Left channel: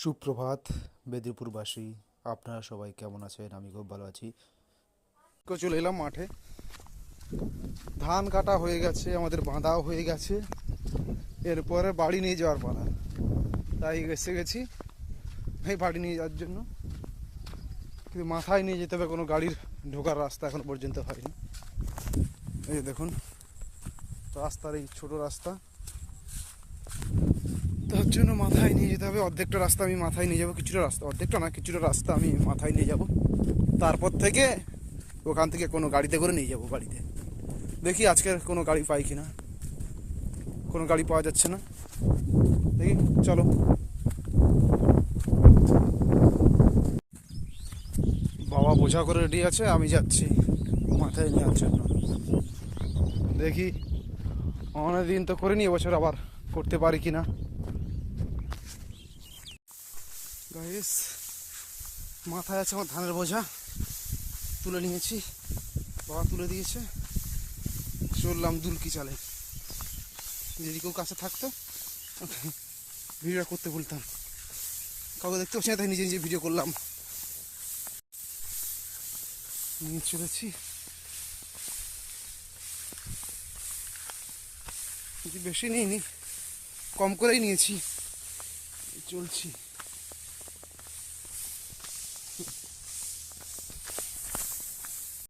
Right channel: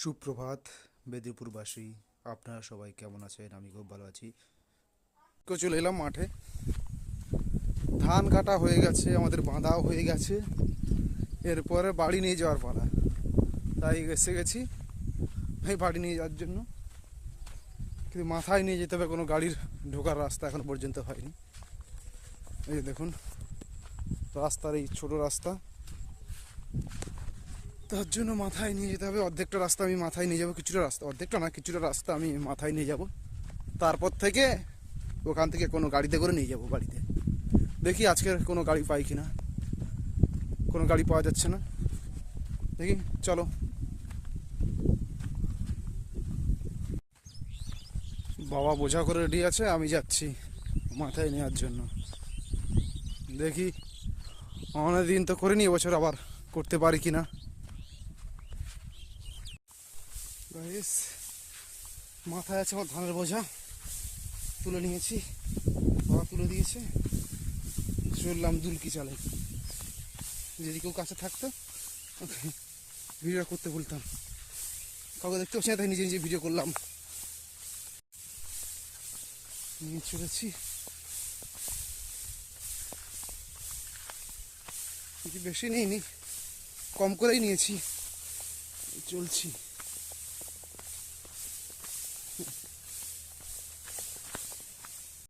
সুপ্রভাত মেদিনীপুরবাসী, আপনারা সবাই কেমন আছেন? আমি খুব ভালো আছি। চলে এলাম মাঠে। ধান কাটা হয়ে গেছে, আমাদের বাঁধাও হয়ে গেছে, এরপরে বাড়ি নিয়ে যাওয়ার পালা। তাই এসে গেছি এই বাড়ি নিয়ে যাওয়ার জন্য। কিন্তু মাথায় নিয়ে যেতে হবে, কোনো গাড়ির ঢোকার রাস্তা এখন পর্যন্ত হয়নি। এই যে দেখুন রাস্তার এই ছোট রাস্তা, তার জন্য মাথায় নিয়ে যেতে হবে। অর্ধেকটা রাস্তা আমি মাথায় নিয়ে যাবো, কিছুটা রাস্তা, অর্ধেকটা না কিছুটা রাস্তা আমি মাথায় নিয়ে যাব। তারপর থেকে ওখান থেকে কোনো গাড়িতে করে নিয়ে যাব বাড়িতে। দেখি আজকে কোনো গাড়ি পাই কিনা। কোনো গাড়ি পাওয়া যাচ্ছে না, দেখি চলো। বাবা বোঝা করে রেডি আছে, আমি যাচ্ছি মাথায় নেওয়ার জন্য। দেখি অনেকদিন তো করিনি, এবছর আবার করতে পারি কিনা। গাইস, মাথায় আছে আমার ধানের বোঝা, তুলে নিয়েছি, বাবা তুলে দিয়েছে। চললাম দুলকি চালে। যদি কেউ কাছে থাকতো ভিডিও করতে বলতাম, কাউকে দেখতে পাচ্ছি না, তাই নিজে নিজে ভিডিও করলাম। চলেছি, বেশি নিইনি, কম করেই নিয়েছি, চলছি।